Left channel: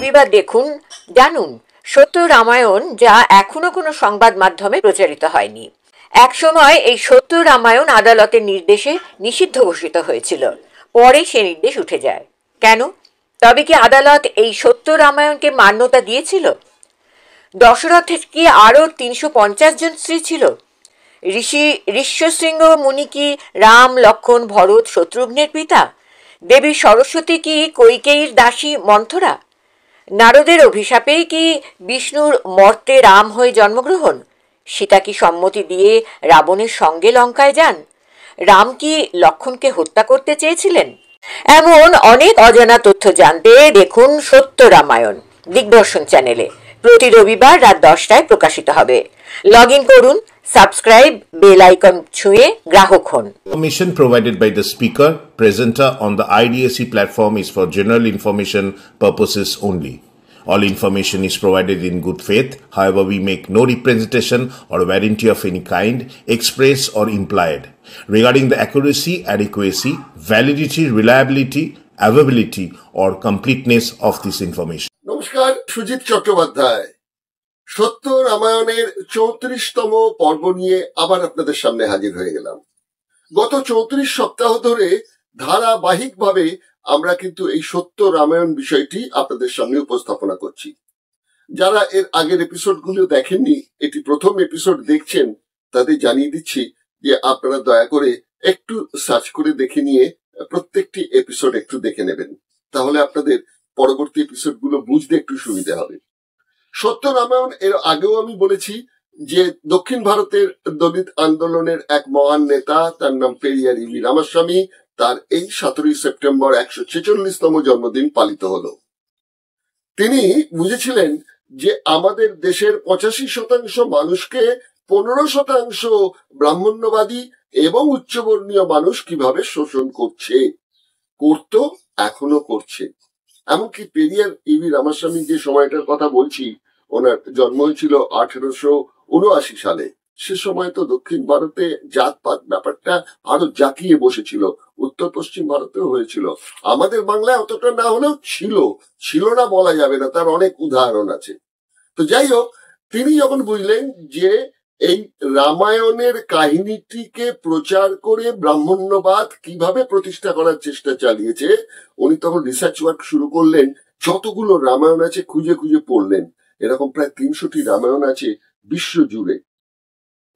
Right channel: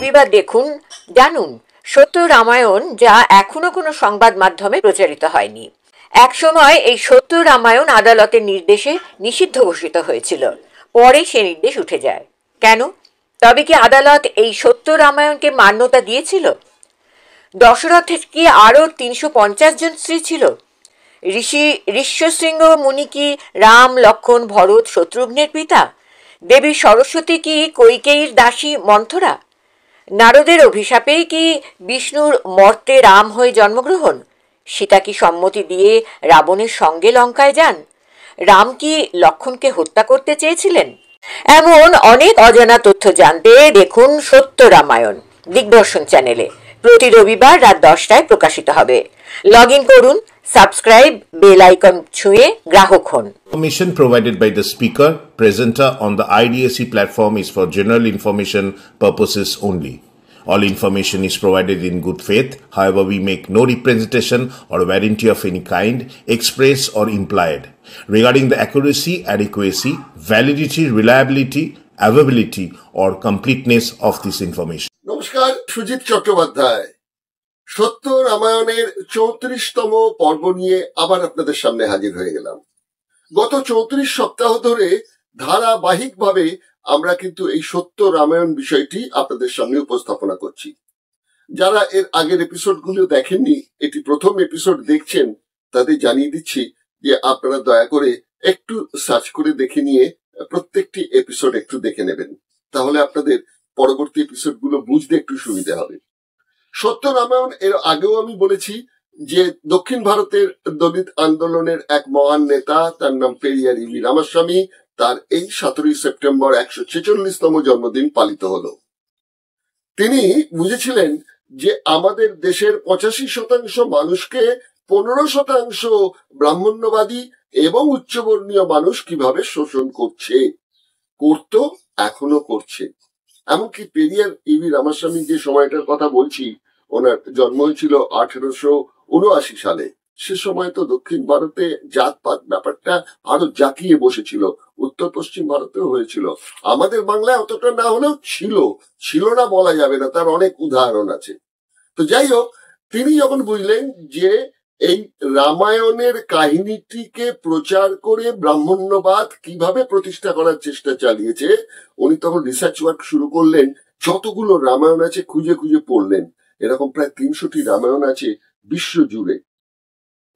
রবিবার দেখুন, জানুন সত্য রামায়ণ, যা এখনো কোনো সংবাদ মাধ্যমে প্রচারিত হয়নি। একসময় এই সত্য রামায়ণ আদালতের নির্দেশে নিষিদ্ধ ঘোষিত হয়েছিল, পরে সে নির্দেশ উঠে যায়। কেন? তবে কি আদালত এই সত্য রামায়ণকে মান্যতা দিয়েছিল? দশরথের কি আরও 350 জন স্ত্রী ছিল? ঋষ্যশৃঙ্গ মুনি কি রাম, লক্ষ্মণ, ভরত, শত্রুঘ্নের পিতা? দেবী সরস্বতী কি কৈকেয়ীর দাসী মন্থরা? নারদের অভিশাপেই কি বিষ্ণুর মর্তে রাম হয়ে জন্মগ্রহণ? সীতা কি সম্মতি দিয়ে রাবণের সঙ্গে লঙ্কায় যান? রাম কি লক্ষ্মণকে হত্যা করতে চেয়েছিলেন? এমন অনেক অজানা তথ্য জানতে দেখুন সত্য রামায়ণ দিগদর্শন চ্যানেলে। প্রতি রবিবার রাত 10টায় প্রকাশিত হবে। লগ ইন করুন, সাবস্ক্রাইব, বেল আইকন ছুঁয়ে গ্রাহক হন। Information provided by the speaker, presenter on the IDSC platform is for general information purposes only. All information is provided in good faith. However, we make no representation or warranty of any kind, express or implied, regarding the accuracy, adequacy, validity, reliability, availability, or completeness of this information. নমস্কার, সুজিত চট্টোপাধ্যায় সত্য রামায়ণের 34তম পর্ব নিয়ে আবার আপনাদের সামনে হাজির হয়ে গেলাম। গত 34 সপ্তাহ ধরে ধারাবাহিকভাবে আমরা কিন্তু এই সত্য রামায়ণ বিষয়টি আপনাদের সামনে উপস্থাপনা করছি। যারা এর আগের এপিসোডগুলো দেখেননি, এটি প্রথম এপিসোড দেখছেন, তাদের জানিয়ে দিচ্ছি যে আপনারা দয়া করে একটু সার্চ করে দেখে নিয়ে প্রত্যেকটি এপিসোড একটু দেখে নেবেন, তাহলে আপনাদের পরবর্তী এপিসোডগুলো বুঝতে একটু সুবিধা হবে। সত্য রামায়ণ এর আগেও আমি বলেছি যে দক্ষিণ ভারতের দলিত আন্দোলনের এক মহান নেতা, তার নাম পেরিয়ার ইভি রামাস্বামী, তার এই 17 সেপ্টেম্বর 146তম জন্মদিন পালিত হলো। তিনি বুঝেছিলেন যে আমাদের দেশের 85% মানুষকে 15% ব্রাহ্মণ্যবাদী এবং উচ্চবর্ণীয় মানুষ কিভাবে শোষণ করত, এখনো করছে। এমনকি পেরিয়ার ইভি রামাস্বামী যে সময়টার কথা বলছি, ওনার জন্ম হয়েছিল 1879 সালে। সে সময় তো দক্ষিণ ভারতে জাতপাত ব্যাপারটা আরো জাঁকিয়ে বসেছিল, উত্তর পশ্চিম ভারতেও হয়েছিল, আমাদের বাংলায় অতটা না হলেও ছিল না বলা যাবে না, তার অনেক উদাহরণ আছে। তো যাই হোক, তিনি যখন বুঝলেন যে এই রামায়ণের কাহিনীটিকে প্রচার করে ব্রাহ্মণ্যবাদ কিভাবে প্রতিষ্ঠা করার চেষ্টা চালিয়েছে, উনি তখন রিসার্চ ওয়ার্ক শুরু করলেন। যতগুলো রামায়ণ আছে খুঁজে খুঁজে পড়লেন, এরকম প্রায় 300টি রামায়ণ আছে বিশ্ব জুড়ে,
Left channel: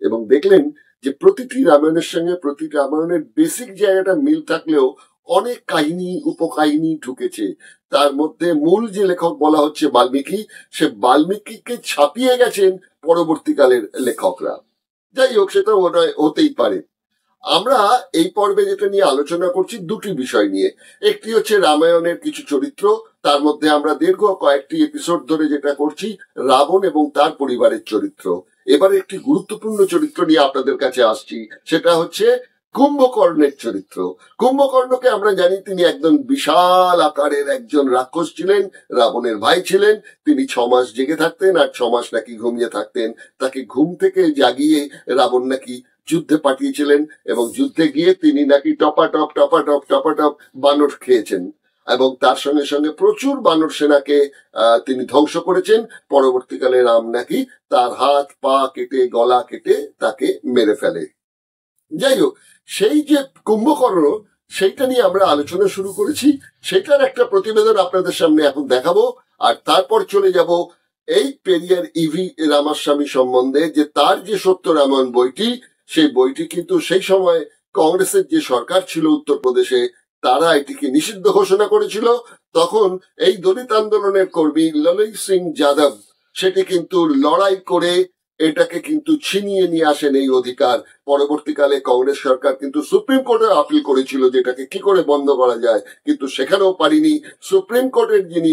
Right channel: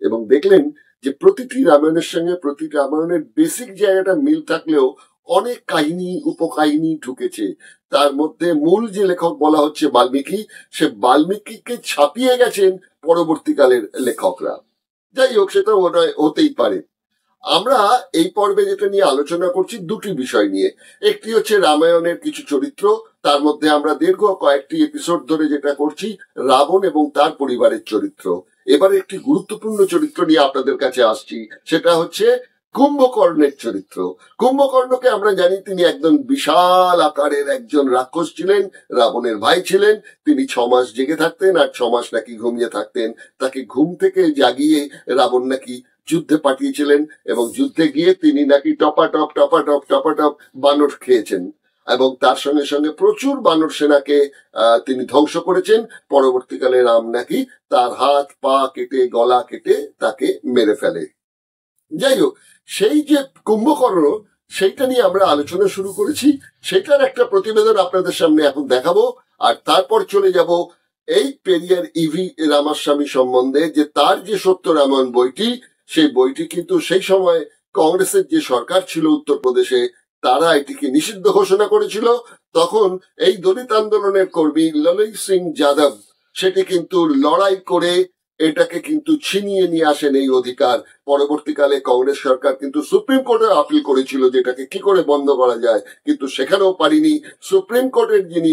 এবং দেখলেন যে প্রতিটি রামায়ণের সঙ্গে প্রতিটি রামায়ণের বেসিক জায়গাটা মিল থাকলেও অনেক কাহিনী উপকাহিনী ঢুকেছে। তার মধ্যে মূল যে লেখক বলা হচ্ছে বাল্মীকি, সে বাল্মীকিকে ছাপিয়ে গেছেন পরবর্তীকালের লেখকরা। যাই হোক, সেটা হতেই পারে। আমরা এই পর্বে যেটা নিয়ে আলোচনা করছি দুটি বিষয় নিয়ে। একটি হচ্ছে রামায়ণের কিছু চরিত্র, তার মধ্যে আমরা দীর্ঘ কয়েকটি এপিসোড ধরে যেটা করছি রাবণ এবং তার পরিবারের চরিত্র। এবার একটি গুরুত্বপূর্ণ চরিত্র নিয়ে আপনাদের কাছে আসছি, সেটা হচ্ছে কুম্ভকর্ণের চরিত্র। কুম্ভকর্ণকে আমরা জানি তিনি একদম বিশাল আকারের একজন রাক্ষস ছিলেন, রাবণের ভাই ছিলেন। তিনি 6 মাস জেগে থাকতেন আর 6 মাস নাকি ঘুমিয়ে থাকতেন। তাকে ঘুম থেকে জাগিয়ে রাবণ নাকি যুদ্ধে পাঠিয়েছিলেন, এবং যুদ্ধে গিয়ে তিনি নাকি টপাটপ বানর খেয়েছেন, এবং তার সঙ্গে সঙ্গে প্রচুর বানর সেনাকে তিনি ধ্বংস করেছেন। পরবর্তীকালে রাম নাকি তার হাত পা কেটে গলা কেটে তাকে মেরে ফেলে। যাই হোক, সেই যে কুম্ভকর্ণ, সেইটা নিয়ে আমরা আলোচনা শুরু করেছি, সেটার একটা প্রতিবেদন আপনাদের সামনে এখন দেখাবো। আর তারপর চলে যাব এই পেরিয়ার ইভি রামাস্বামী সম্বন্ধে, যে তার যে সত্য রামায়ণ বইটি, সেই বইটি কিন্তু সেই সময় কংগ্রেসের যে সরকার ছিল উত্তরপ্রদেশে, তারা এটিকে নিষিদ্ধ ঘোষণা করেছিল। তখন এই দলিত আন্দোলনের কর্মী ললই সিং যাদব সেটি কিন্তু লড়াই করে এটাকে কিন্তু ছিনিয়ে নিয়ে আসেন এই অধিকার। পরবর্তীকালে কংগ্রেস সরকার কিন্তু সুপ্রিম কোর্টে আপিল করেছিল যে এটাকে কি করে বন্ধ করা যায়, কিন্তু সেখানেও পারিনি। সুপ্রিম কোর্টের যিনি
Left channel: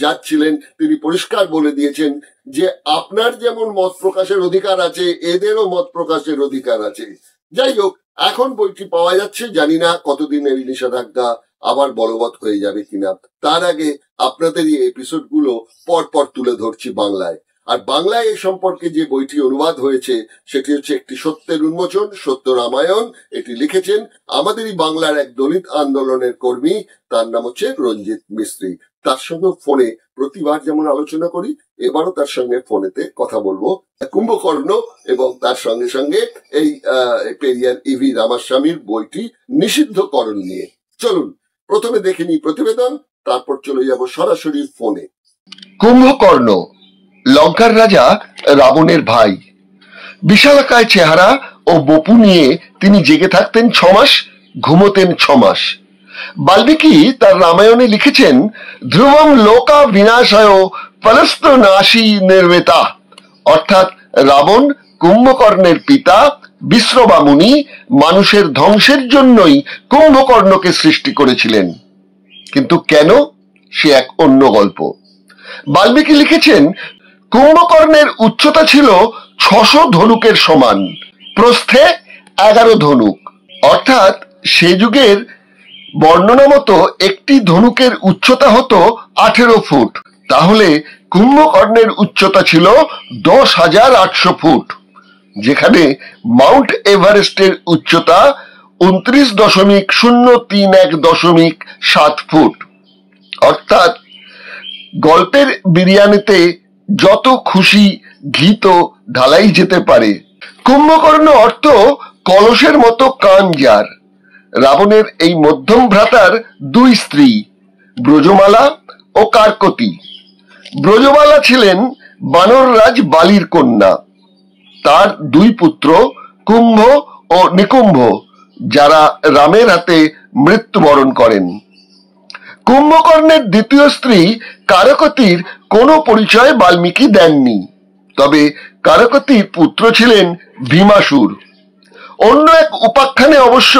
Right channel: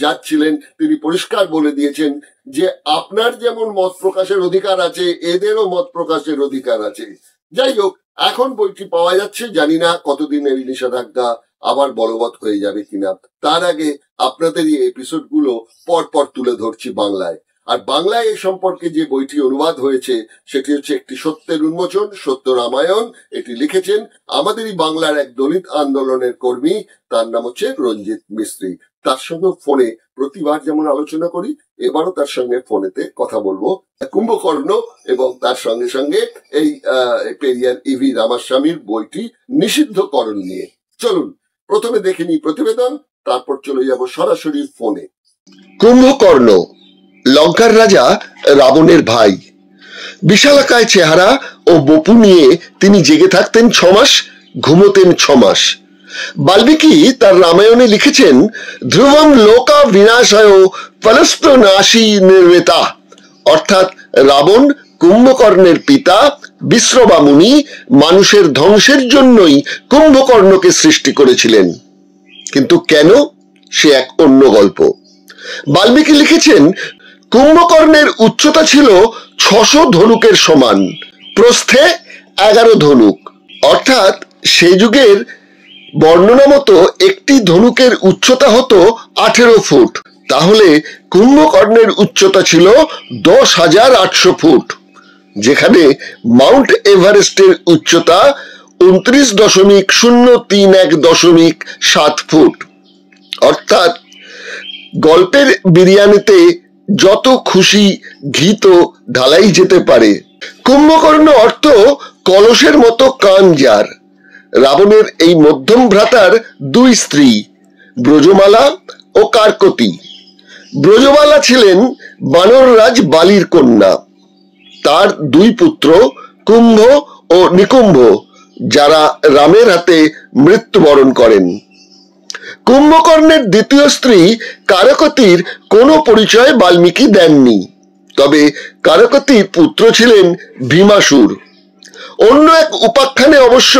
জাজ ছিলেন, তিনি পরিষ্কার বলে দিয়েছেন যে আপনার যেমন মত প্রকাশের অধিকার আছে, এদেরও মত প্রকাশের অধিকার আছে। যাই হোক, এখন বইটি পাওয়া যাচ্ছে, জানি না কতদিন এই নিষেধাজ্ঞা আবার বলবৎ হয়ে যাবে কিনা। তার আগে আপনাদের এই এপিসোড গুলো পরপর তুলে ধরছি বাংলায়। আর বাংলায় এই সম্পর্কে যে বইটি অনুবাদ হয়েছে সেটি হচ্ছে একটি সত্যের উন্মোচন, সত্য রামায়ণ। এটি লিখেছেন আমাদেরই বাংলার এক দলিত আন্দোলনের কর্মী, তার নাম হচ্ছে রঞ্জিত মিস্ত্রি। তার সঙ্গে ফোনে প্রতিবার যেমন আলোচনা করি, এবারও তার সঙ্গে ফোনেতে কথা বলবো কুম্ভকর্ণ এবং তার সঙ্গে সঙ্গে এই পেরিয়ার ইভি রামাস্বামীর বইটি নিষিদ্ধকরণ নিয়ে। চলুন প্রথমে দেখে নিই প্রতিবেদন, তারপর চলে যাব সরাসরি ফোনে। কুম্ভকর্ণ লঙ্কার রাজা রাবণের ভাই। বিশালাকায় চেহারা ও বপু নিয়ে তিনি জেগে থাকতেন 6 মাস, ঘুমোতেন 6 মাস। বাল্মীকি তার রামায়ণে লিখেছেন, ধ্রুবম লোকা বিনাশায় ফলস্প্রনাশী নির্বেতা, অর্থাৎ রাবণ কুম্ভকর্ণের পিতা বিশ্রবা মুনি মানুষের ধ্বংসের জন্যই কুম্ভকর্ণকে সৃষ্টি করেছিলেন। কিন্তু কেন, সে এক অন্য গল্প। বাল্মীকি লিখেছেন, কুম্ভকর্ণের উচ্চতা ছিল 600 ধনুকের সমান, প্রস্থে 11 ধনুক, অর্থাৎ সে যুগের বর্ণনা মতো একটি ধনুকের উচ্চতা হতো 18 ফুট। তাহলে কুম্ভকর্ণের উচ্চতা ছিল 10,800 ফুট, যেখানে মাউন্ট এভারেস্টের উচ্চতা 29.031.7 ফুট। অর্থাৎ গল্পের বিরিয়ানিতে যত খুশি ঘি তো ঢালাই যেতে পারে। কুম্ভকর্ণ অর্থ কলসের মতো কান যার। রাবণের এই মধ্যম ভ্রাতার 2 স্ত্রী, ব্রজমালা ও কার্কতী। ব্রজমালা ছিলেন বানররাজ বালির কন্যা। তার 2 পুত্র কুম্ভ ও নিকুম্ভ, যারা রামের হাতে মৃত্যুবরণ করেন। কুম্ভকর্ণের দ্বিতীয় স্ত্রী কারকতীর কোনো পরিচয় বাল্মীকি দেননি, তবে কারকতীর পুত্র ছিলেন ভীমাসুর। অন্য এক উপাখ্যানে অবশ্য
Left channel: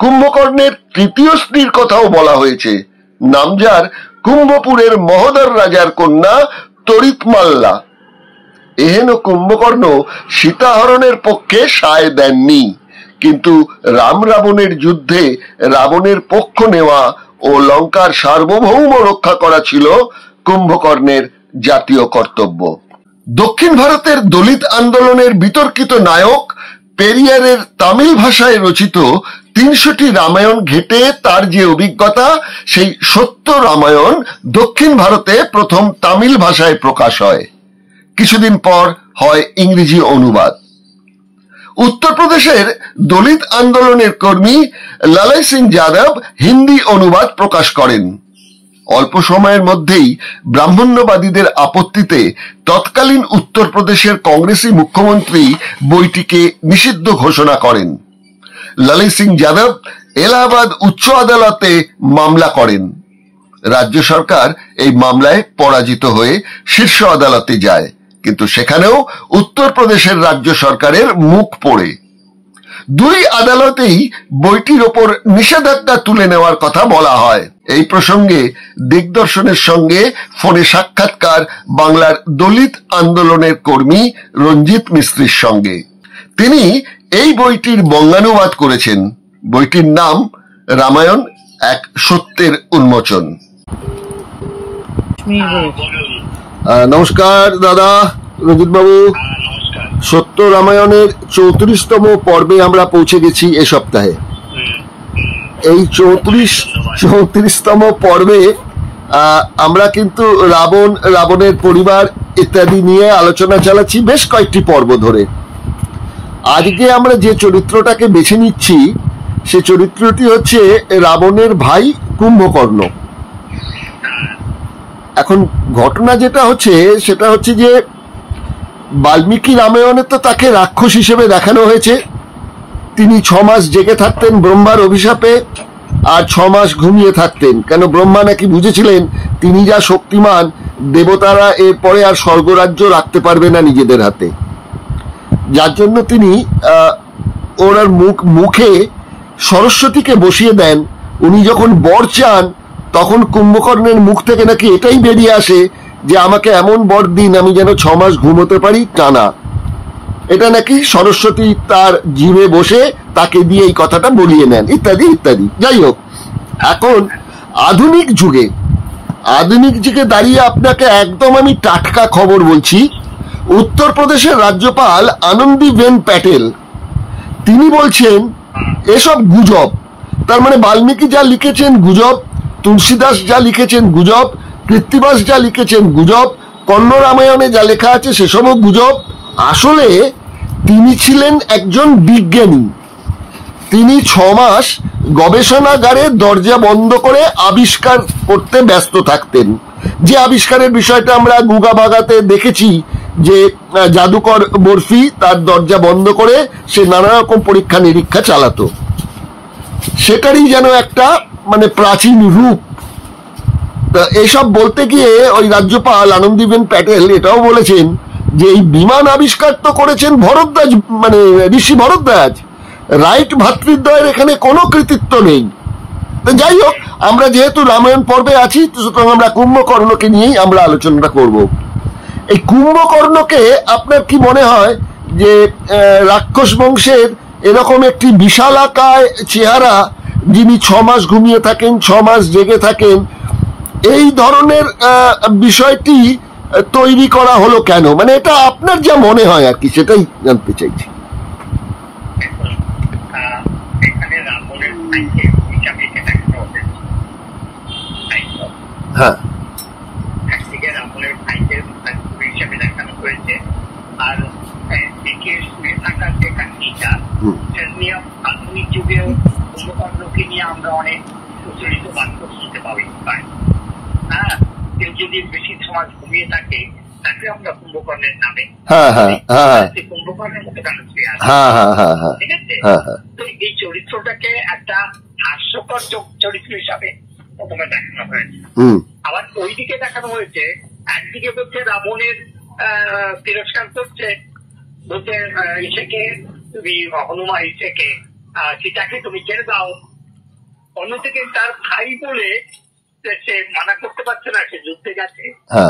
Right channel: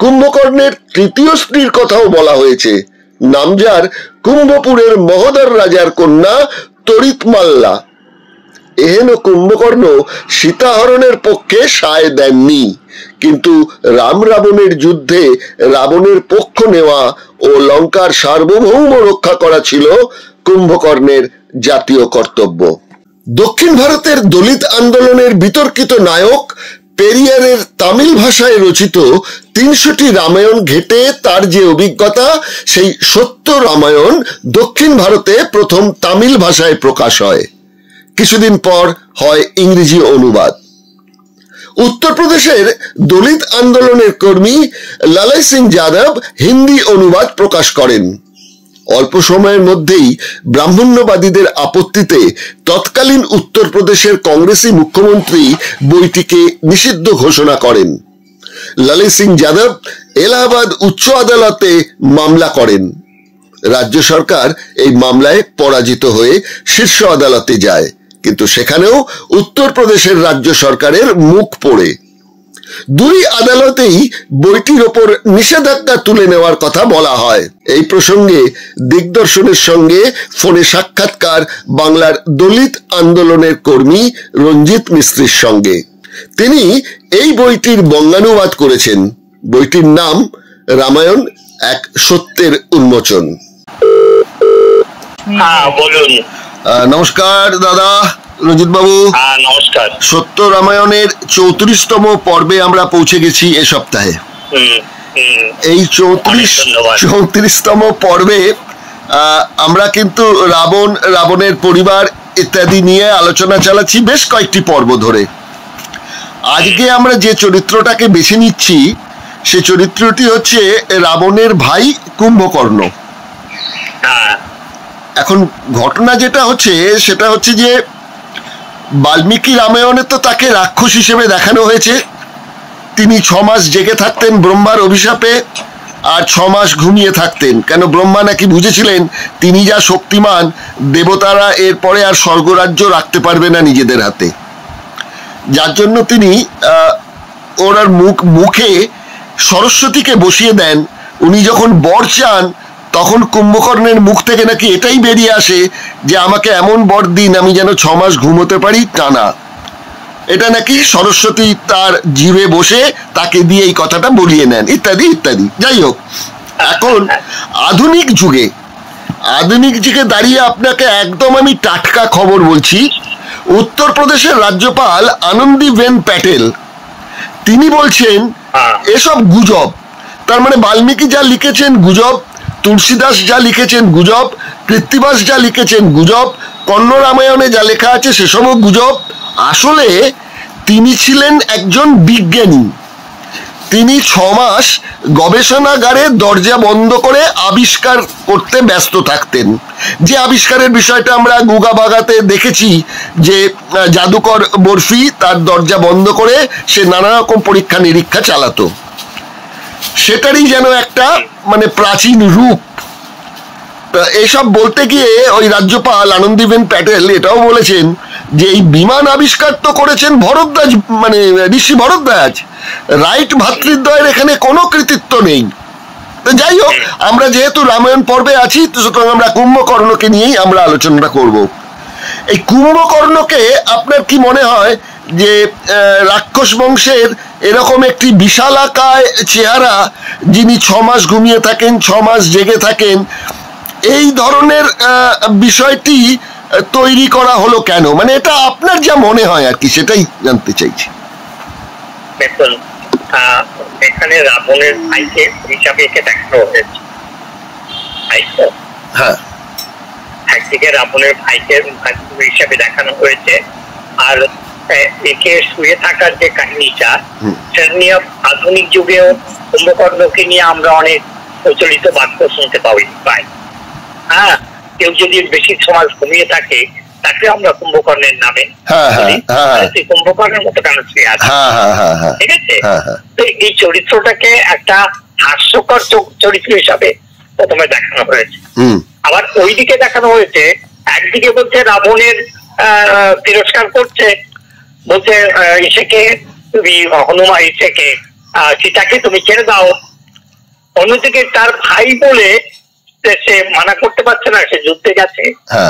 কুম্ভকর্ণের তৃতীয় স্ত্রীর কথাও বলা হয়েছে, নাম যার কুম্ভপুরের মহোদর রাজার কন্যা তরিতমাল্লা। এহেন কুম্ভকর্ণ সীতাহরণের পক্ষে সায় দেননি, কিন্তু রাম রাবণের যুদ্ধে রাবণের পক্ষ নেওয়া ও লঙ্কার সার্বভৌম রক্ষা করা ছিল কুম্ভকর্ণের জাতীয় কর্তব্য। দক্ষিণ ভারতের দলিত আন্দোলনের বিতর্কিত নায়ক পেরিয়ারের তামিল ভাষায় রচিত 300টি রামায়ণ ঘেটে তার যে অভিজ্ঞতা, সেই সত্য রামায়ণ দক্ষিণ ভারতে প্রথম তামিল ভাষায় প্রকাশ হয়। কিছুদিন পর হয় ইংরেজি অনুবাদ। উত্তরপ্রদেশের দলিত আন্দোলনের কর্মী লালাই সিং যাদব হিন্দি অনুবাদ প্রকাশ করেন। অল্প সময়ের মধ্যেই ব্রাহ্মণ্যবাদীদের আপত্তিতে তৎকালীন উত্তরপ্রদেশের কংগ্রেসি মুখ্যমন্ত্রী বইটিকে নিষিদ্ধ ঘোষণা করেন। লালাই সিং যাদব এলাহাবাদ উচ্চ আদালতে মামলা করেন। রাজ্য সরকার এই মামলায় পরাজিত হয়ে শীর্ষ আদালতে যায়, কিন্তু সেখানেও উত্তরপ্রদেশের রাজ্য সরকারের মুখ পোড়ে। 2 আদালতেই বইটির ওপর নিষেধাজ্ঞা তুলে নেওয়ার কথা বলা হয়। এই প্রসঙ্গে দিগদর্শনের সঙ্গে ফোনে সাক্ষাৎকার বাংলার দলিত আন্দোলনের কর্মী রঞ্জিত মিস্ত্রির সঙ্গে। তিনি এই বইটির বঙ্গানুবাদ করেছেন। বইটির নাম রামায়ণ, এক সত্যের উন্মোচন। বলুন। নমস্কার দাদা রঞ্জিত বাবু। নমস্কার। সত্য রামায়ণের 34তম পর্বে আমরা পৌঁছে গেছি এ সপ্তাহে। এই 34তম পর্বে আমরা কিন্তু রাবণের পরিবার ইত্যাদি নিয়ে আলোচনা চালাচ্ছি বেশ কয়েকটি পর্ব ধরে। আজকে আমরা যে চরিত্রটাকে বেছে নিচ্ছি সে চরিত্রটি হচ্ছে রাবণের ভাই কুম্ভকর্ণ। এখন ঘটনা যেটা হচ্ছে সেটা হচ্ছে যে বাল্মীকি রামায়ণে তো তাকে রাক্ষস হিসেবে দেখানো হয়েছে। তিনি 6 মাস জেগে থাকতেন ব্রহ্মার অভিশাপে, আর 6 মাস ঘুমিয়ে থাকতেন, কেন ব্রহ্মা নাকি বুঝেছিলেন তিনি যা শক্তিমান, দেবতারা এরপরে আর স্বর্গরাজ্য রাখতে পারবে না নিজেদের হাতে। যার জন্য তিনি ওনার মুখে সরস্বতীকে বসিয়ে দেন। উনি যখন বর চান তখন কুম্ভকর্ণের মুখ থেকে নাকি এটাই বেরিয়ে আসে যে আমাকে এমন বর দিন আমি যেন 6 মাস ঘুমোতে পারি টানা। এটা নাকি সরস্বতী তার জিভে বসে তাকে দিয়ে এই কথাটা বলিয়ে নেন, ইত্যাদি ইত্যাদি। যাই হোক, এখন আধুনিক যুগে দাঁড়িয়ে আপনাকে একদম আমি টাটকা খবর বলছি, উত্তরপ্রদেশের রাজ্যপাল আনন্দীবেন প্যাটেল তিনি বলছেন এসব গুজব। তার মানে বাল্মীকি যা লিখেছেন গুজব, তুলসীদাস যা লিখেছেন গুজব, কৃত্তিবাস যা লিখেছেন গুজব, কন্ন রামায়ণে যা লেখা আছে সেসবও গুজব। আসলে তিনি ছিলেন একজন বিজ্ঞানী। তিনি 6 মাস গবেষণাগারে দরজা বন্ধ করে আবিষ্কার করতে ব্যস্ত থাকতেন। যে আবিষ্কারের বিষয়টা আমরা গুগা বাগাতে দেখেছি, যে জাদুকর বরফি তার দরজা বন্ধ করে সে নানা রকম পরীক্ষা নিরীক্ষা চালাতো, সেটারই যেন একটা মানে প্রাচীন রূপ। এইসব বলতে গিয়ে ওই রাজ্যপাল আনন্দীবেন প্যাটেল এটাও বলেছেন যে এই বিমান আবিষ্কার তো করেছেন ভরদ্বাজ, মানে ঋষি ভরদ্বাজ, রাইট ভ্রাতৃদ্বয়ের এখানে কোনো কৃতিত্ব নেই। যাই হোক, আমরা যেহেতু রামায়ণ পর্বে আছি তো সুতরাং আমরা কুম্ভকর্ণকে নিয়েই আমরা আলোচনাটা করব। এই কুম্ভকর্ণকে আপনার কি মনে হয় যে রাক্ষস বংশের এরকম একটি বিশালাকায় চেহারা, যিনি 6 মাস ঘুমিয়ে থাকেন, 6 মাস জেগে থাকেন, এই ধরনের বিষয়টি তৈরি করা হলো কেন? মানে এটা আপনার যা মনে হয় আর কি, সেটাই জানতে চাইছি। দেখুন, এখানে রাবণের ভাইকে হিসাবে একে দেখানো হয়েছে, তাই তো? হ্যাঁ, একদিকে রাবণের ভাইকে হিসাবে দেখানো হয়েছে, আর একে শুয়ে থাকার যে কাহিনীটা, সেটা নিয়ে আধুনিক যুগেও কুম্ভকর্ণকে নিয়ে আমরা অনেক প্রচলিত বাক্য শুনতে পাই। হ্যাঁ, কেউ যদি বেশি সময় ঘুমিয়ে থাকে তাকে আমরা কুম্ভকর্ণের নামে, কুম্ভকর্ণের মতো কেন শুয়ে আছে, ঠিক আছে? তো এই চরিত্রটাকে একটা হাস্যকর চরিত্র হিসাবে প্রথমে দেখানো হয়েছে। আবার ওইদিকে দেখানো হয়েছে, একদিকে বলছে রাবণের তিরস্কার করছে, বলছে ইসেকে তুমি হনুমান, ইসেকে সীতাকে তুমি ছেড়ে দাও। অন্যদিকে তার ভাই বলে সে মানা করতে পারছে না, সে যুদ্ধে গেছে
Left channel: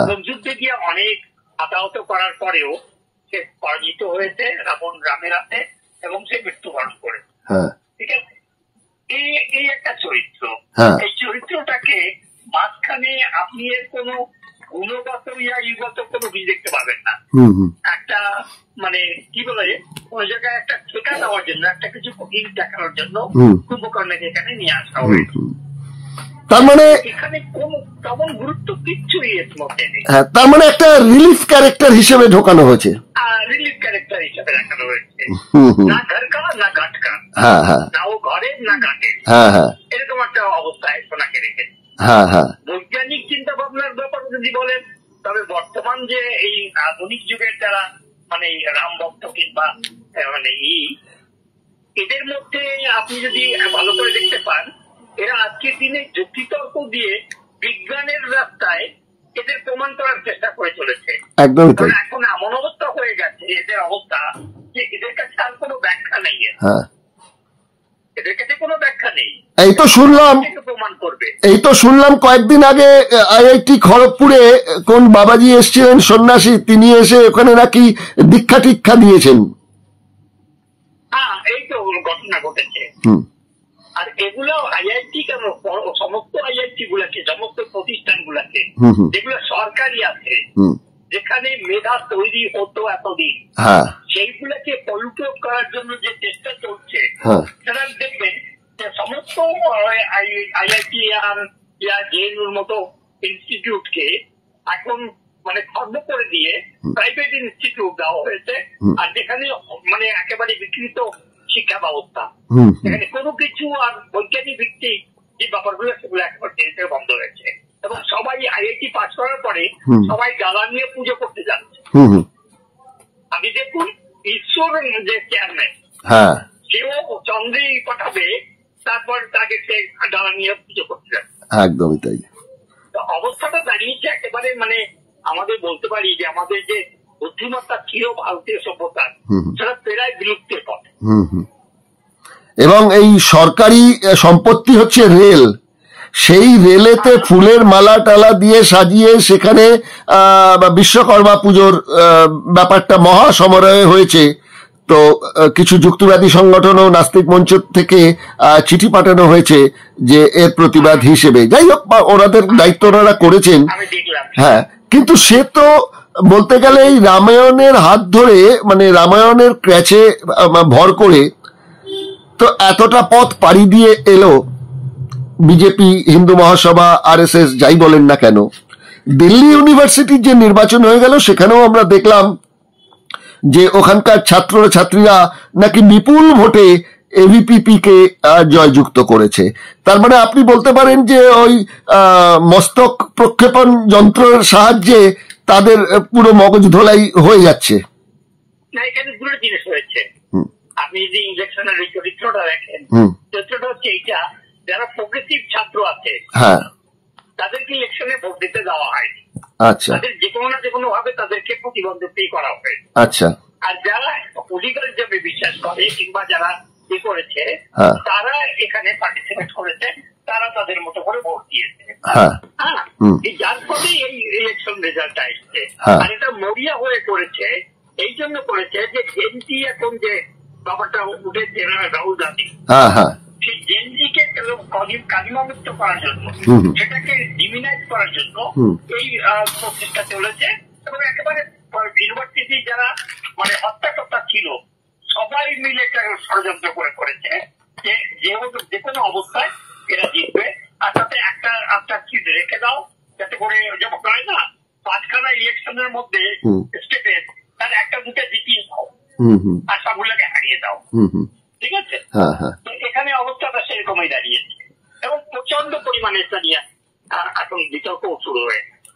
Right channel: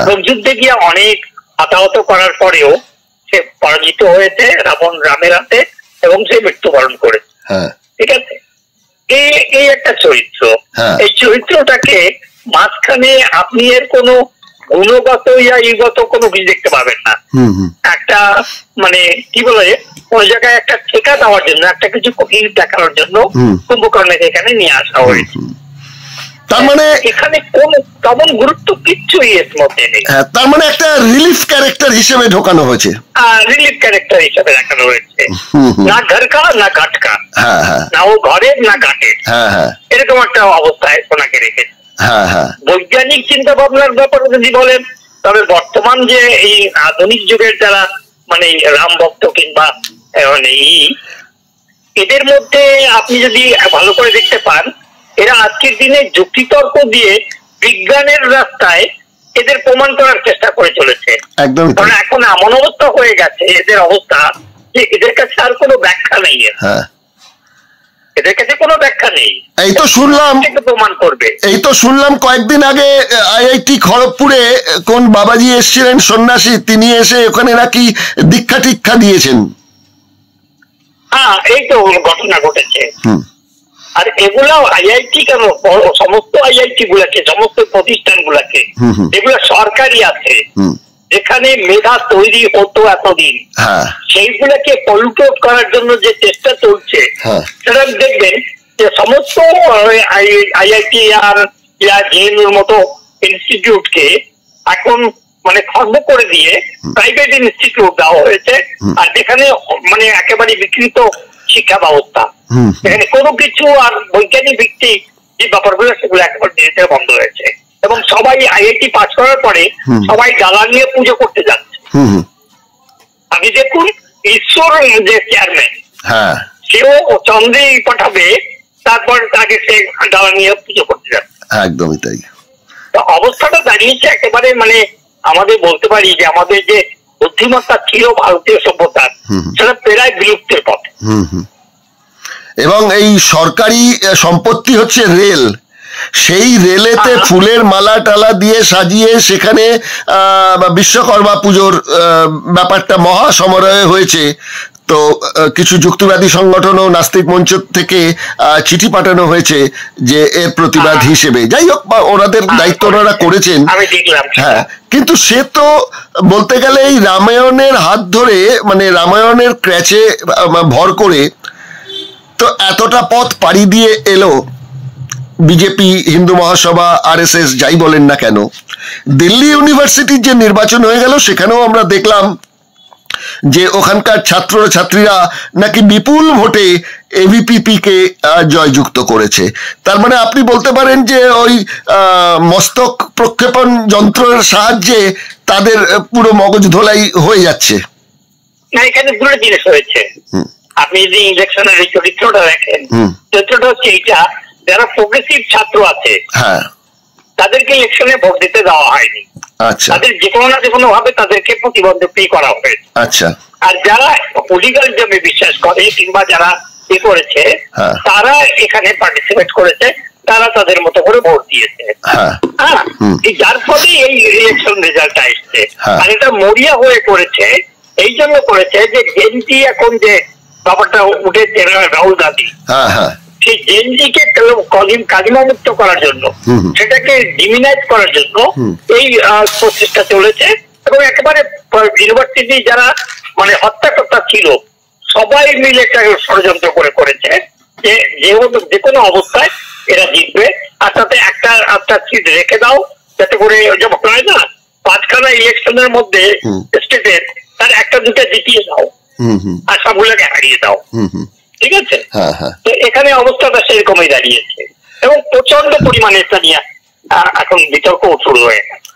এবং যুদ্ধে গিয়ে অনেক হতাহত করার পরেও সে পরাজিত হয়েছে রামের হাতে এবং সে মৃত্যুবরণ করেছে, ঠিক আছে? এই একটা চরিত্র। এই চরিত্রটাকে মাঝখানে আপনি এর কোনো গুণগত ইগত কোনো কিছু দেখতে পাবেন না। একটা মানে কি বলে, কোন জায়গায় একটা ঠেকা দেওয়ার জন্য, একটা কিছু দেখানোর জন্য কুম্ভকর্ণকে এখানে নিয়ে আসা হয়েছে। তার মানে এখানে কোন তেমন গুরুত্ব কিচ্ছুই এর মধ্যে নেই। তার মানে একটা রিলিফ ক্যারেক্টার হিসেবে ঢোকানো হয়েছে, রিলিফ ক্যারেক্টার হিসেবে দেখানো হয়েছে। না ঘরকা না ঘাটকা, না ও ঘরের না ঘাটের, এরকম একটা অবস্থায় ওনাকে রেখেছে। বৈজ্ঞানিক চিন্তা ভাবনার ব্যাপারে যদি বলেন, তবে বর্তমান যে এই আধুনিক যুগের যারা মানে রাম ভক্ত কিংবা মানে এদের মধ্যে আপনি যদি ভালো করে দেখতে পান, এরা আজকের দিনে যুক্তিতর্ক দিয়ে বিজ্ঞানের রাস্তায় এদের প্রমাণ করার চেষ্টা করে চলেছে। কারণ এখন এমন অবস্থা হয়ে গেছে এদের অবস্থা যে এদের কাছে আর কোনো ব্যাখ্যা নেই, এদের কাছে কোনো ব্যাখ্যা নেই। এই তো শুনলাম, প্রমাণ করবে। এই তো শুনলাম কয়েকদিন আগে IIT খড়গপুরে কোন বাবাজি এসেছিলেন সন্ন্যাসী, তিনি এসে ওখানে নাকি দীক্ষা টিক্ষা দিয়েছেন। হ্যাঁ, এই তো ঘটনা ঘটেছে। আর এগুলো IIT কেন, সমস্ত IIT গুলাকে, সমস্ত প্রতিষ্ঠান গুলাকে যেগুলো সরকারি আছে, যেখানে মেধা তৈরি হতো এতদিন, সেইগুলাকে পলিউট করার জন্য যে চেষ্টা চলছে, সেটা দেখবেন যে সমস্ত IIT আর JNUর মতো ইনস্টিটিউটকে এখন মানে খর্ব করে দিয়ে প্রাইভেট ইনস্টিটিউট দেওয়া হয়েছে, আর যেখানে মানে একেবারে বিকৃত শিক্ষা ব্যবস্থা, এখানে কোনো কিছু আর বৈজ্ঞানিক ভিত্তিক যে ব্যাপারগুলো সেগুলো একেবারে ধীরে বন্ধ হয়েছে। এবং সবাই IIT পাস করার পরে সবাই ডালা নিয়ে পুজো করতে যাচ্ছে। আপনি দেখুন, ঈশ্বর যে চেয়ারম্যান, সেও চন্দ্রেই পাঠাবে, তারপর তাকে সে ডালা নিয়ে পুজো করতে যাচ্ছে। একদমই তাই। তো অবস্থাটা দাঁড়িয়েছে একেবারে মানে আমাদের বলতে পারি যে আমাদের যে বুদ্ধিমত্তা ছিল ভারতীয় সভ্যতার, সেটা প্রায় বিলুপ্তের পথে। এবং এই সরকারি সম্পত্তি হচ্ছে রেল, সেই রেলেতে ফুলের মালা টালা দিয়ে সাজিয়ে সেখানে বিশ্বকর্মা পুজোর ব্যাপারটা মহা সমারোহে হয়েছে। তো কিছু যুক্তিবাদী সংগঠন ও নাস্তিক মঞ্চ থেকে চিঠি পাঠানো হয়েছে যে এর প্রতিবাদ হিসেবে। যাই হোক, ওনাদের দায়িত্ব ওনারা করেছেন। হ্যাঁ, কিন্তু সে তো বলতে গেলে এই রামায়ণের হাত ধরে, মানে রামায়ণের ক্র্যাচে ভর করে তো এতটা পথ পাড়ি দিয়ে এলো বিজেপি, হিন্দু মহাসভা, RSS যাই বলেন না কেন। দিল্লি ইউনিভার্সিটির যে নির্বাচন হয়ে গেল সেখানেও আমরা দেখলাম যে ওখানকার ছাত্র ছাত্রীরা নাকি বিপুল ভোটে AVPP কে জয়যুক্ত করেছে। তার মানে আপনি বলতে পারেন যে ওই মস্তক প্রক্ষেপণ যন্ত্রের সাহায্যে তাদের পুরো মগজ ধোলাই হয়ে যাচ্ছে। না, এখানে দুটো জিনিস হয়েছে। আপনি যদি ইলেকশনের এই চরিত্রটা দেখেন, চরিত্রটা হচ্ছে এইটা, যারা প্রোগ্রেসিভ ছাত্র আছে তাদেরকে ইলেকশনে ভোট দিতে দেওয়া হয়নি। আচ্ছা, তাদের যে কোনো না যে কোনো ভাবে তাদেরকে প্রতিবন্ধী করা হয়েছে। আচ্ছা, আর যারা পলিটিক্যালিজমে বিশ্বাস করে কিংবা যারা করেছে তারা এখানে পার্টিসিপেট করেছে, তারা তাদের মতো করে ভোট দিয়েছে। হ্যাঁ, যার ফলে এই ইলেকশন রেজাল্টটা এসছে। আর এটা মরিয়া হয়ে করেছে, এই জন্য করেছে যে জেনজি এখন যে ব্যাপারটা উঠেছে, রাহুল গান্ধী সেই জেনজিকে কালিমা মুক্ত করার জন্য, সেটাকে ডিমিনাইজ করার জন্য এই প্রচেষ্টা চলেছে। এবং একেবারে ইউনিভার্সিটি যারা মানে হত্যাকর্তা ছিল সবাই মিলে একটা ষড়যন্ত্র করে করেছে যে যে কোনো অবস্থায় এরা জিতবে, আর তাতে একটা সিট রেখে দাও যাতে করে যেমন হয় না 5খানা ইলেকশনের মধ্যে স্টেটের তার একটা দুটো জিতিয়ে দাও আর সবগুলোকে হারিয়ে দাও। ঠিক আছে, তো এখানে অবস্থাটা সেরকমই দাঁড়িয়েছে এবং প্রচন্ড পরিমাণে এটা নিয়ে এখন বিতর্ক শুরু হয়ে গেছে।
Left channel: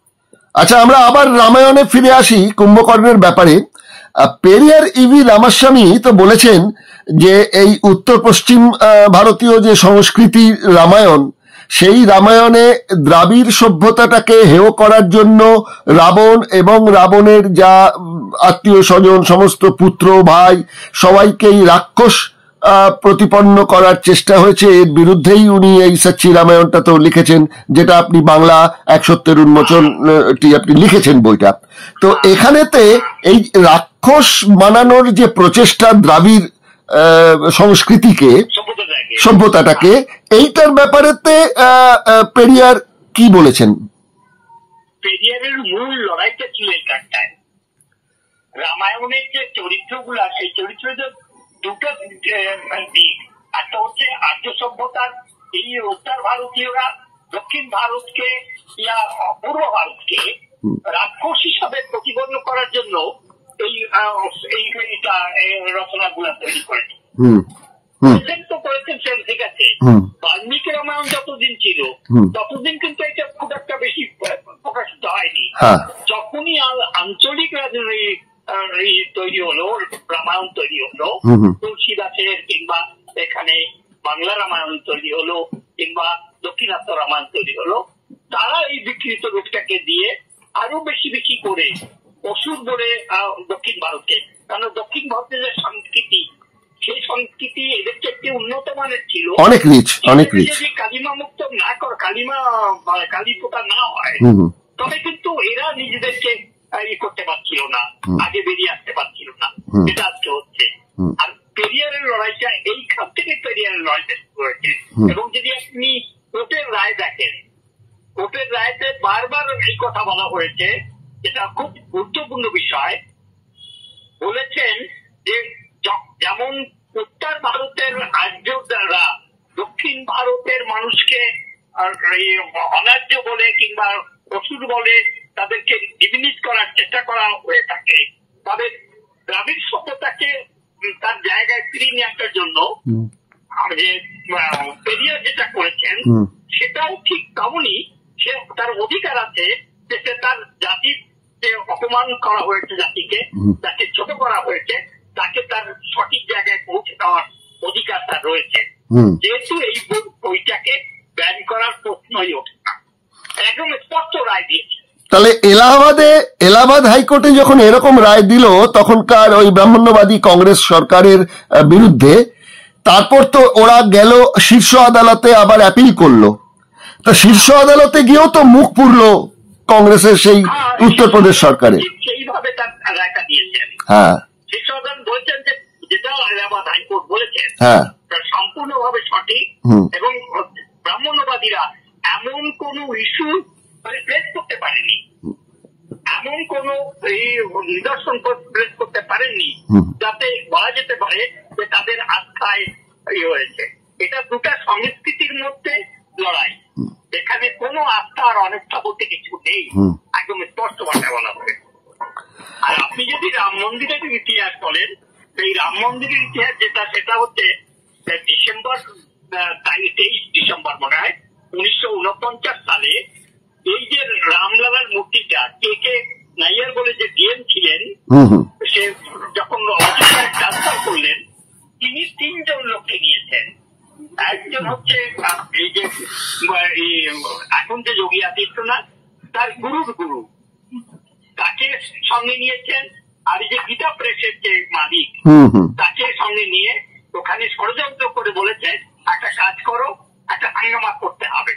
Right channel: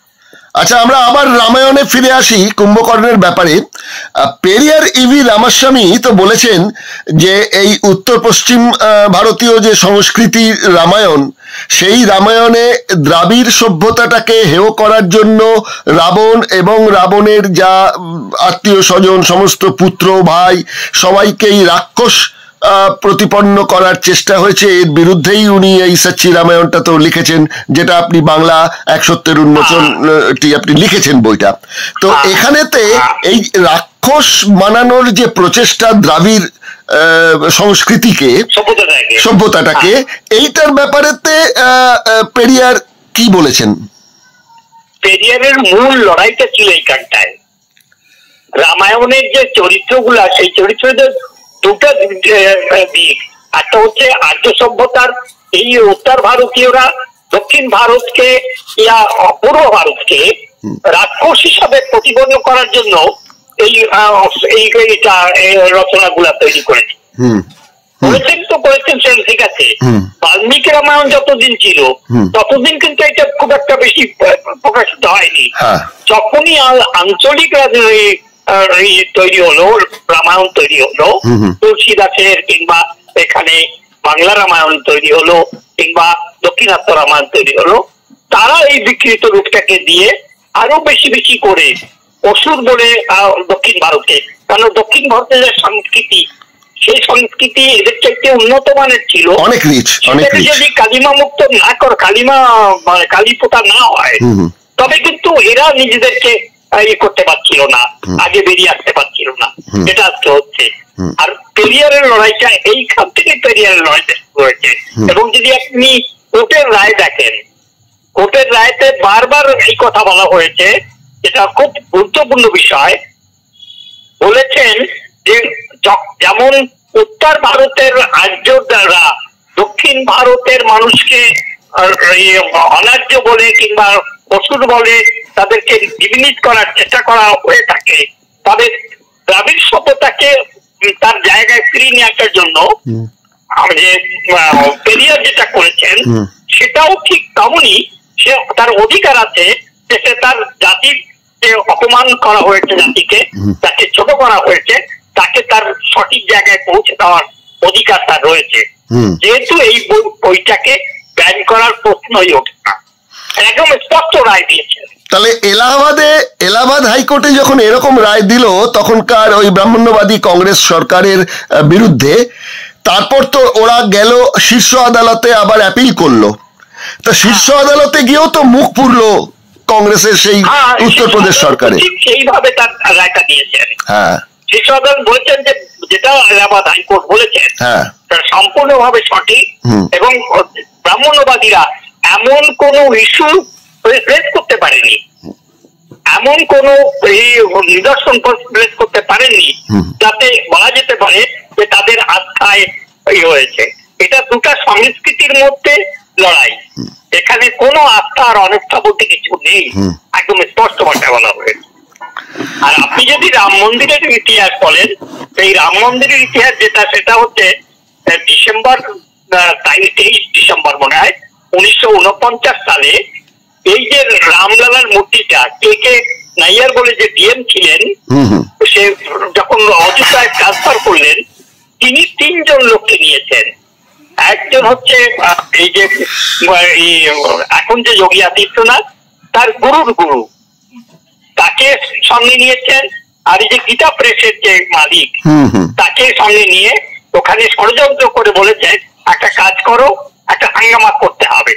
আচ্ছা, আমরা আবার রামায়ণে ফিরে আসি কুম্ভকর্ণের ব্যাপারে। পেরিয়ার ইভি রামাস্বামী তো বলেছেন যে এই উত্তর পশ্চিম ভারতীয় যে সংস্কৃতি রামায়ণ, সেই রামায়ণে দ্রাবিড় সভ্যতাটাকে হেয় করার জন্য রাবণ এবং রাবণের যা আত্মীয় স্বজন, সমস্ত পুত্র ভাই সবাইকেই রাক্ষস প্রতিপন্ন করার চেষ্টা হয়েছে। এর বিরুদ্ধেই উনি এই সচ্চি রামায়ণটা তো লিখেছেন, যেটা আপনি বাংলা ১ সত্যের উন্মোচনটি আপনি লিখেছেন বইটা। তো এখানেতে এই রাক্ষস মানানোর যে প্রচেষ্টা দ্রাবিড় সংস্কৃতিকে, সভ্যতাটাকে, এইটার ব্যাপারেতে পেরিয়ার কি বলেছেন? পেরিয়ারের মূল লড়াইটা ছিল এইখানটায়। রামায়ণের যে চরিত্রগুলা, সেই চরিত্রদের দুটো দিক। একটা হচ্ছে আর্য সভ্যতার এই উত্তর ভারতীয়রা দক্ষিণ ভারতকে ইয়া পূর্ব ভারতকে রাক্ষস হিসাবে প্রতিপন্ন করার জন্য এই রচনাগুলা তৈরি করেছে। করেছেন সেন, ঠিক আছে। বাল্মীকি রামায়ণ যতদিন ছিল ততদিন কিন্তু এটা খুব একটা বেশি প্রকাশিত হয়নি। যখনই আঞ্চলিক তৈরি হলো, রামায়ণ তৈরি হলো, তুলসীদাসের কিংবা এখানে বাংলা রামায়ণ তৈরি হলো কিংবা দক্ষিণাত্য রামায়ণ তৈরি হলো, তারা এই বিকৃত রূপটাকে দিয়ে আরো বেশি বেশি করে অসুর বলে দক্ষিণ ভারতে, কারণ দক্ষিণ ভারতের যে সংস্কৃতি, সেই সংস্কৃতি এদের চাইতে উন্নত মানের ছিল, অনেক রিচ। যদি কালিমা মুক্ত না করে, কালী পোতা না হয়, তবে কিন্তু এরা নিজেদেরকে করতে পারছিল না, আগে বেরিয়ে আসতে পারছিল না। এটা আজকে হচ্ছে। আর পেরিয়ারের লড়াইটা এইখান থেকে পেরিয়ারের লড়াইটা শুরু হয়েছে। এবং যদি আপনি কোর্টের রায় দেখেন, কোর্টের রায়তে বারবার এই কথা বলা হয়েছে, এটা খুব গুরুত্বপূর্ণ বিষয়। বলেছেন যে যেমন উত্তর ভারতের আর্যরা দক্ষিণ ভারতের মানুষকে অনার্য বলে কিংবা অসুর বলে তাদেরকে ডিমিনিট করার চেষ্টা করা হয়ে থাকে, তবে দ্রাবিড় সভ্যতাকে তার জায়গায় ফিরিয়ে নিয়ে আসার জন্য যে পেরিয়ার যেটা করেছেন সেটাও ঠিক তেমনই। সে তার অধিকার আছে যে সে তার জাতির যে অপমান করা হয়েছে, জাতিকে তাকে ছোট করা হয়েছে, তাকে তার সঠিক জায়গায় পৌঁছে দেওয়ার অধিকার তার রয়েছে। যেহেতু এই বইটাকে ব্যান করার প্রশ্নই ওঠে না, একদম স্পষ্ট রায় দিয়েছে। তাহলে এলাহাবাদ হাইকোর্টে যখন এরকম রায় দিল তখনকার ওই ব্রাহ্মণ্যবাদী কংগ্রেস সরকারের বিরুদ্ধে, তারপর তো ওরা গেল শীর্ষ আদালতে, আবার অ্যাপিল করলো। তা শীর্ষ আদালতে গিয়েও তো মুখ পুরলো কংগ্রেসের সেই উত্তরপ্রদেশ সরকারে, সেইভাবে তার রায়টা দিয়েছেন। হ্যাঁ, শীর্ষ আদালত বলছেন যে যেটা এলাহাবাদ হাইকোর্ট বলেছেন হ্যাঁ, সম্পূর্ণভাবে সঠিক। এবং ব্রাহ্মণ্যবাদীরা এমন কোন ইস্যু প্রেস করতে পারেনি, এমন কোন নিদর্শন প্রেস করতে পারেননি যাতে বলা যেতে পারে যে তাদের আস্থায় হয়েছে। এটা দুটা সংস্কৃতির মধ্যে লড়াই, এখানে কোনো আস্থা আর অনাস্থা বলতে কিছু নেই, একদম স্পষ্ট ভাষায় বলা হয়েছে। আর আপনি যদি রাম মন্দিরের ইতিহাস বলেন, এই রাম মন্দিরের ইতিহাস যেটা, সেটা হচ্ছে ডিসেম্বর 23 ডিসেম্বর মনে হয় 1949 সালে এই যে রামলালার মূর্তিটা কে নাইয়ার বলে যে ডিএম ছিলেন, সে যখন অযোধ্যায় ট্রান্সফার করলেন, তিনি 3 জন লোককে নিয়েছেন। একজন হচ্ছে এই যে এখন যে যোগী আদিত্যনাথ, তার গুরুর গুরু, তাকে সঙ্গে নিয়েছেন। আর এই যে গীতা প্রেসের যে মালিক, তাকে সঙ্গে নিয়ে ওখানে ষড়যন্ত্র করে বলেছেন একটা কাজ করো, একটা হাঙ্গামা করতে হবে।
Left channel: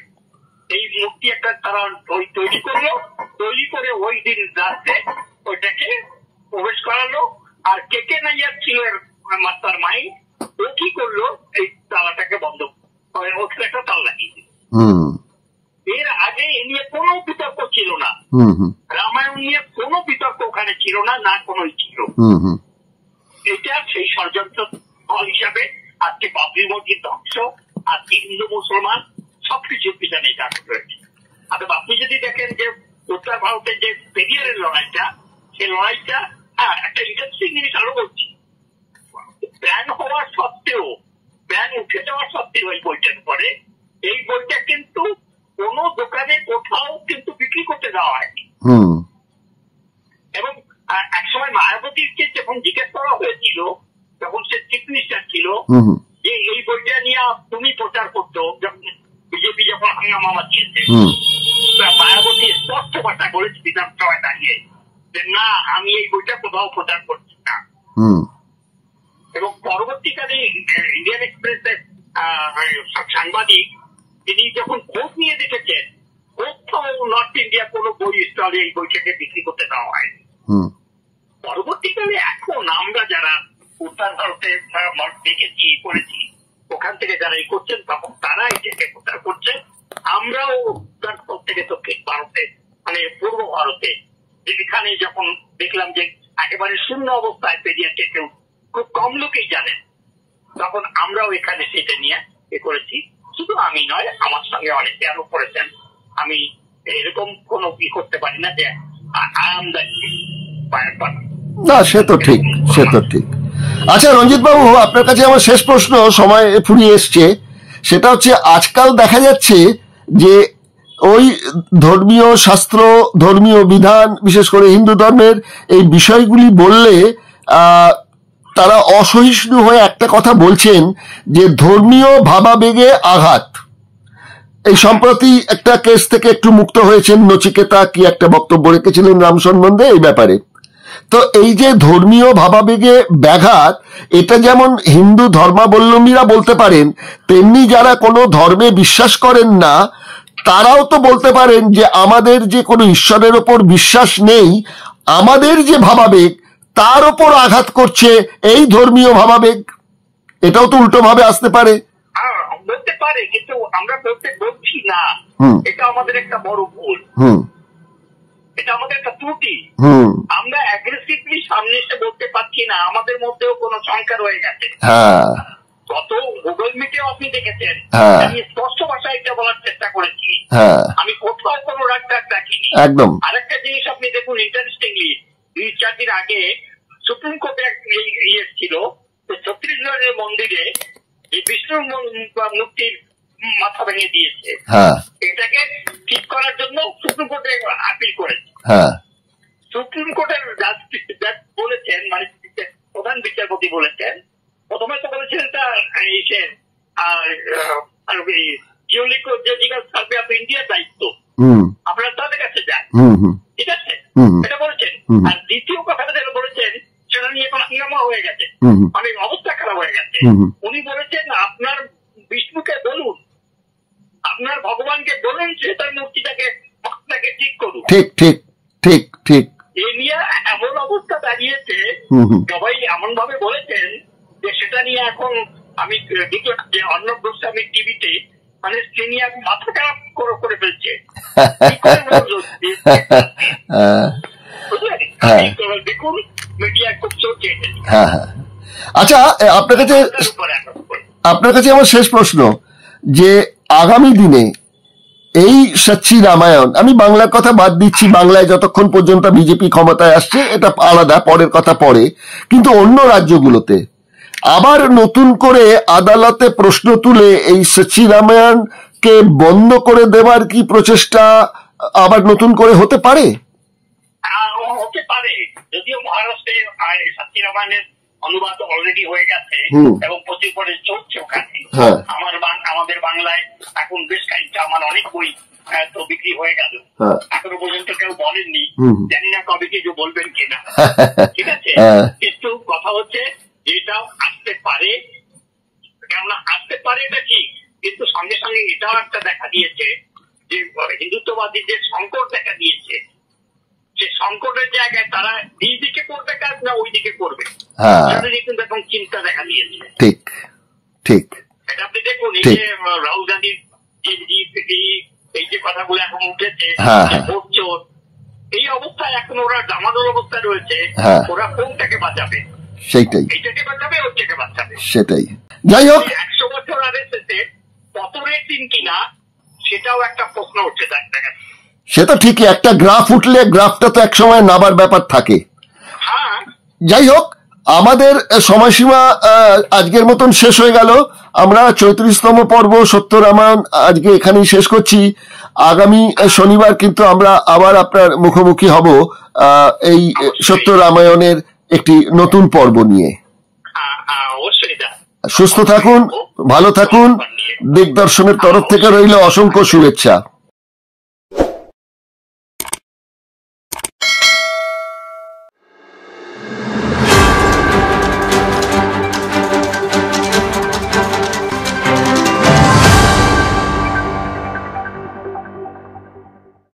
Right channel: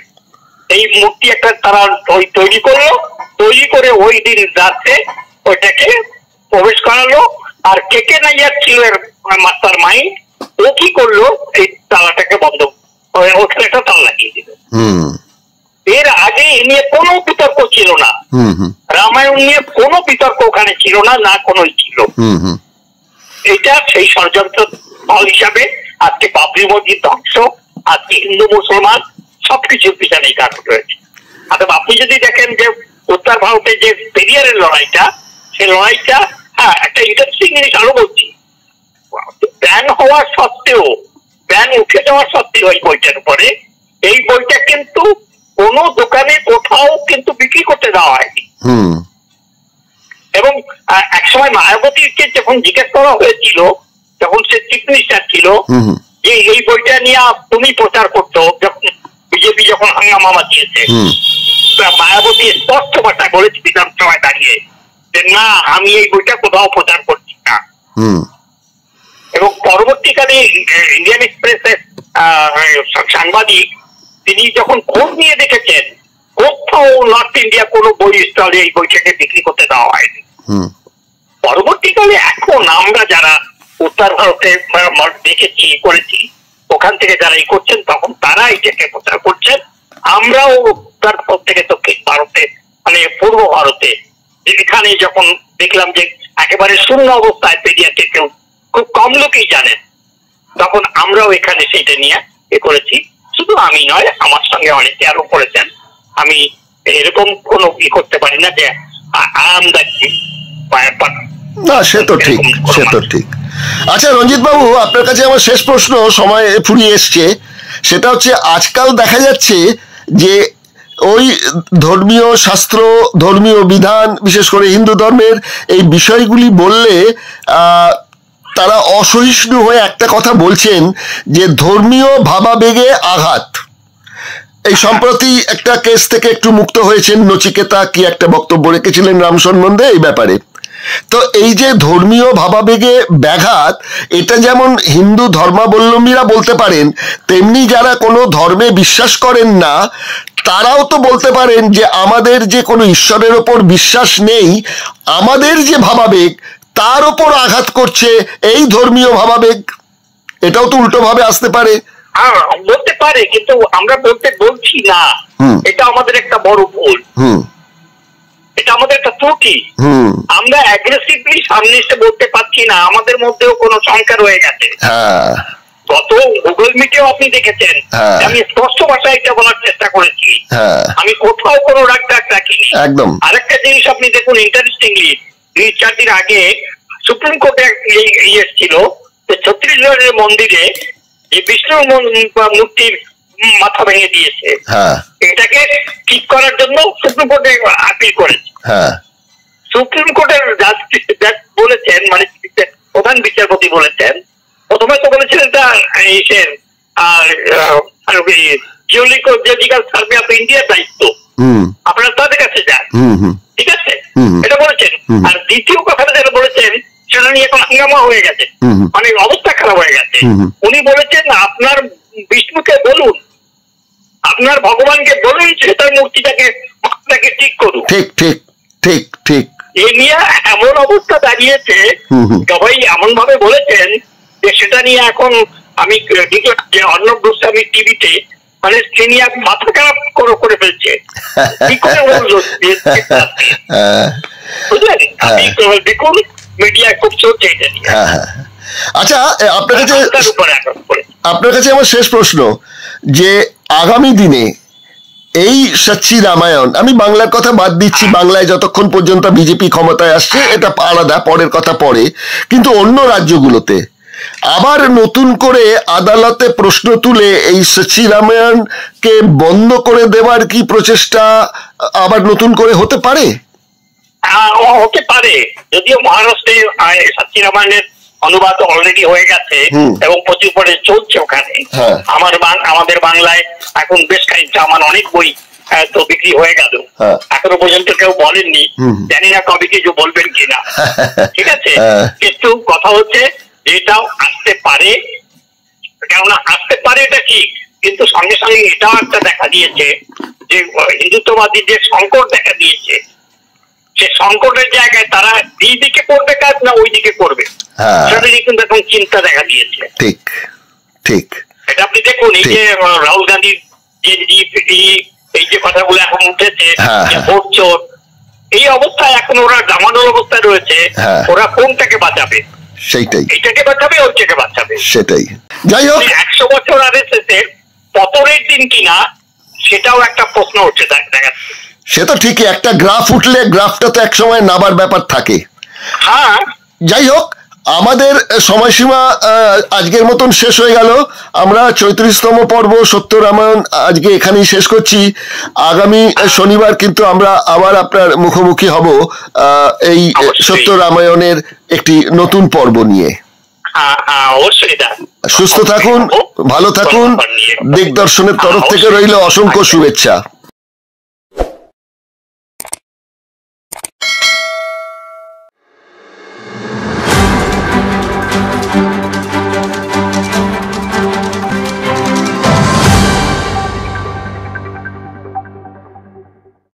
এই মূর্তি একটা তারা তৈরি করলো, তৈরি করে ওই দিন রাতে ওইটাকে প্রবেশ করালো। আর কে নাইয়ার ছিল মাস্টার মাইন্ড, ও কি করলো, এই তালাটাকে বন্ধ, ওখানে একটা তালা লাগিয়ে দিল। এর আগে এ নিয়ে কোনো বিতর্ক ছিল না, রামায়ণ নিয়ে কোনো বিতর্ক ওখানে ছিল না, না কোনো ছিল। এটা সেই ষড়যন্ত্র ফল হিসাবে আজকে বাবরি মসজিদ ধ্বংস, আজকে হিন্দু মুসলমান সবকিছুর পিছনে কারণ রয়েছে। অর্থাৎ আপনি যদি দেখেন যে উত্তর ভারতে যে পেরিয়ারের লড়াইটা, সেই লড়াইটা, হ্যাঁ একটা ইন্টারেস্টিং জিনিস আরো বলছি, ব্যান হওয়ার সত্ত্বেও, ব্যান উঠে যাওয়ার সত্ত্বেও এই বইটার উপরে, এই বইটা কিন্তু কোনো দোকানে কোথাও কিন্তু বিক্রি করতে দেওয়া হয়নি। এবং একসময় মায়াবতীকে যখন জিজ্ঞেস করা হয়েছিল, যখন সে চিফ মিনিস্টার ছিল, যে এই বইটা নিয়ে তুমি প্রচার করতো, যখন বিজেপি যখন হাঙ্গামা মাচিয়েছে, মায়াবতী স্পষ্ট ভাষায় বলেছে বিধানসভায় দাঁড়িয়ে যে না, আমি এই বইটা কোথাও প্রচার করছি না। এবং পরবর্তীকালে ইন্ডিয়ান এক্সপ্রেসের সাংবাদিক, তিনি যখন খোঁজ নিয়ে দেখেছেন, কোথাও নর্থ ইন্ডিয়া কোনো বই স্টলে এই বইটাকে বিক্রি করতে দেওয়া হয়নি। পরবর্তীকালে এখন আমরা যারা উত্তর ভারতে দেখেছি, করেছি, ওখান থেকে যারা এই করছেন, তখন তারা এটাকে প্রচার করছেন। আমরাও উত্তর থেকে দক্ষিণ ভারতে, মানে পূর্ব ভারতে, এখানে যখন দেখলাম যে একেবারে শূন্য অবস্থায় পেরিয়ারকে কেউ খুব কম লোকেই জানেন, তখন আমরাও এখানে সেটা নিয়ে এ করেছি। শুধু আমি নয়, আমার সঙ্গে অনেকে আরো করেছেন। আমি এরকম কোনো কি করতে পারি না যে না, সে তো ঠিক, সে তো ঠিক। আচ্ছা রঞ্জিত বাবু, আপনার কাছে আমার শেষ প্রশ্ন, সময় ফুরিয়ে এসছে। সেটা হচ্ছে, আজকাল দেখা যাচ্ছে যে ওই ধর্মীয় শাস্ত্র, ধর্মীয় বিধান, বিশেষ করে হিন্দু ধর্মের এই বিষয়গুলি বললে তারা অসহিষ্ণু হয়ে একটা কথা বলছেন যে ধর্মীয় ভাবাবেগে আঘাত। এই সম্প্রতি একটা কেস থেকে একটু মুক্ত হয়েছেন নচিকেতা, কি একটা বক্তব্য রেখেছিলেন রাম সম্বন্ধে এই ব্যাপারে। তো এই যে ধর্মীয় ভাবাবেগে ব্যাঘাত, এটা যেমন হিন্দু ধর্মাবলম্বীরা বলতে পারেন, তেমনি যারা কোনো ধর্মে বিশ্বাস করেন না তারাও তো বলতে পারেন যে আমাদের যে কোনো ঈশ্বরের ওপর বিশ্বাস নেই, আমাদের যে ভাবাবেগ তার ওপর আঘাত করছে এই ধর্মীয় ভাবাবেগ। এটাও তো উল্টো ভাবে আসতে পারে। বলতে পারে, কিন্তু আমরা বলছি না, এটা আমাদের একটা বড় ভুল, এটা আমাদের একটা ত্রুটি। আমরা অ্যাগ্রেসিভলি সামনে এসে বলতে পারছি না, আমাদের মধ্যেও কোনো সংখ্যা রয়ে গেছে। গত গুগল মিটেও আপনি দেখেছেন, আমি স্পষ্ট ভাষায় এটা বলার চেষ্টা করেছি, আমি কোথাও কোনো রাগ রাখিনি। আরেকটা জিনিস আপনি দেখুন, ইন্টারেস্টিংলি 2-4 দিন আগে সুপ্রিম কোর্টে এসেছিল যে ছত্তিশগড়ের মন্দিরে যে বিষ্ণুর মূর্তির মাথা ভেঙে দিয়েছে, এটাকে ঠিক করার জন্য সুপ্রিম কোর্টে আপিল করেছে। সুপ্রিম কোর্টের জাজ বলেছেন, মানে প্রধান বিচারপতি বলেছেন, প্রথমে তো বলেছিলেন এটা জিওলজিক্যাল সার্ভে অফ ইন্ডিয়ার দায়িত্ব, আপনারা তাদের কাছে যান, ঠিক আছে, এটা বলেছেন। আর দ্বিতীয় কথাটা যেটা বলেছেন, সেটা নিয়ে এখন হাঙ্গামা হয়ে গেছে, মানে অবস্থা খারাপ হয়ে গেছে। উনি বলেছেন আপনার বিষ্ণুকে বলুন, আপনার ভগবানকে বলুন সেটার মূর্তিটাকে ঠিক করুন। ঠিক ঠিক ঠিক ঠিক। এ নিয়ে এমন অবস্থা দাঁড়িয়েছে, সবাই এমন ভাবে বলেছেন যে সেটা নিয়ে এখন আমি দেখলাম যে অর্ণব গোস্বামী টিভিতে মানে সিনিয়র মাথা খারাপ করে ফেলছে, কি করে বললো বুঝলেন? দেখুন মিডিয়া খুব চলছে এটা নিয়ে। আচ্ছা, আপনার কাছে আমার শেষ প্রশ্ন, যে আগামী দিনে এই সচ্চি রামায়ণ, আমি বাংলার কথা বাদ দিচ্ছি, বাংলায় যতক্ষণ পর্যন্ত বিজেপি ক্ষমতায় আসছে এটা আলাদা, পরের কথা পরে, কিন্তু অন্য রাজ্যগুলোতে আবার নতুন করে আদালতে প্রশ্ন তুলে এই সচ্চি রামায়ণকে বন্ধ করে দেওয়ার কি প্রচেষ্টা আবার নতুন করে হতে পারে? হতে পারে, যদিও মহারাষ্ট্রে সচ্চি রামায়ণের অনুবাদ অলরেডি হয়ে গেছে এবং প্রচুর পরে চলছে ওখানে। আমাদের বাংলায় এখন বেশ খানিকটা আমার অনেক বই তো বিক্রি হয়ে গেল, এখনো পর্যন্ত কেউ বলেননি, জানি না কবে কিছু বলবেন কিনা, ঠিক আছে। কিন্তু কথা হচ্ছে এটাও আসতে পারে, কেননা আসতে পারে এটা ঠিক, কিন্তু সঙ্গে সঙ্গে এটাও একটা দেখা দিয়েছে যে হিন্দুত্ববাদী যে সংকট দেখা দিয়েছে, সে সংকটের জায়গায় তারা এই দিকে করবে কাজ না ওই দিকে করবে, সেটা নিয়ে কিন্তু এখন চিন্তা দেখা দিয়েছে। ঠিক ঠিক, এটা আপনি দেখুন, এই যে রাহুল গান্ধীর এই যে কথাগুলো এখন উঠেছে, ভোট চোর, এই অবস্থায় এখন ওরা জামানোর অবস্থায় রয়েছে, ওরা কোনটাকে বাঁচাবে? সেইটাই, এইটাকে বাঁচাবে ওইটাকে বাঁচাবে, সেটাই। যাই হোক, 100 বছর আরএসএস এর পতনের দিন কিনা সেটাও একটা প্রশ্ন উঠছে দেখা যাচ্ছে। সে তো ঠিকই, একটা গ্রাফ উঠলে গ্রাফটা তো একসময় নাবার ব্যাপার থাকে। হ্যাঁ, যাই হোক, আমাদের সময়সীমা আজকের মতন শেষ হয়ে গেল। আমরা 34তম পর্ব সত্য রামায়ণ আজকে এখানেই শেষ করছি। আগামী শনিবার কিন্তু আমরা আবার আপনার মুখোমুখি হব এই সত্য রামায়ণের একটি নতুন পর্ব নিয়ে। সুস্থ থাকুন, ভালো থাকুন, দিগদর্শনের তরফ থেকে রইল অসংখ্য শুভেচ্ছা।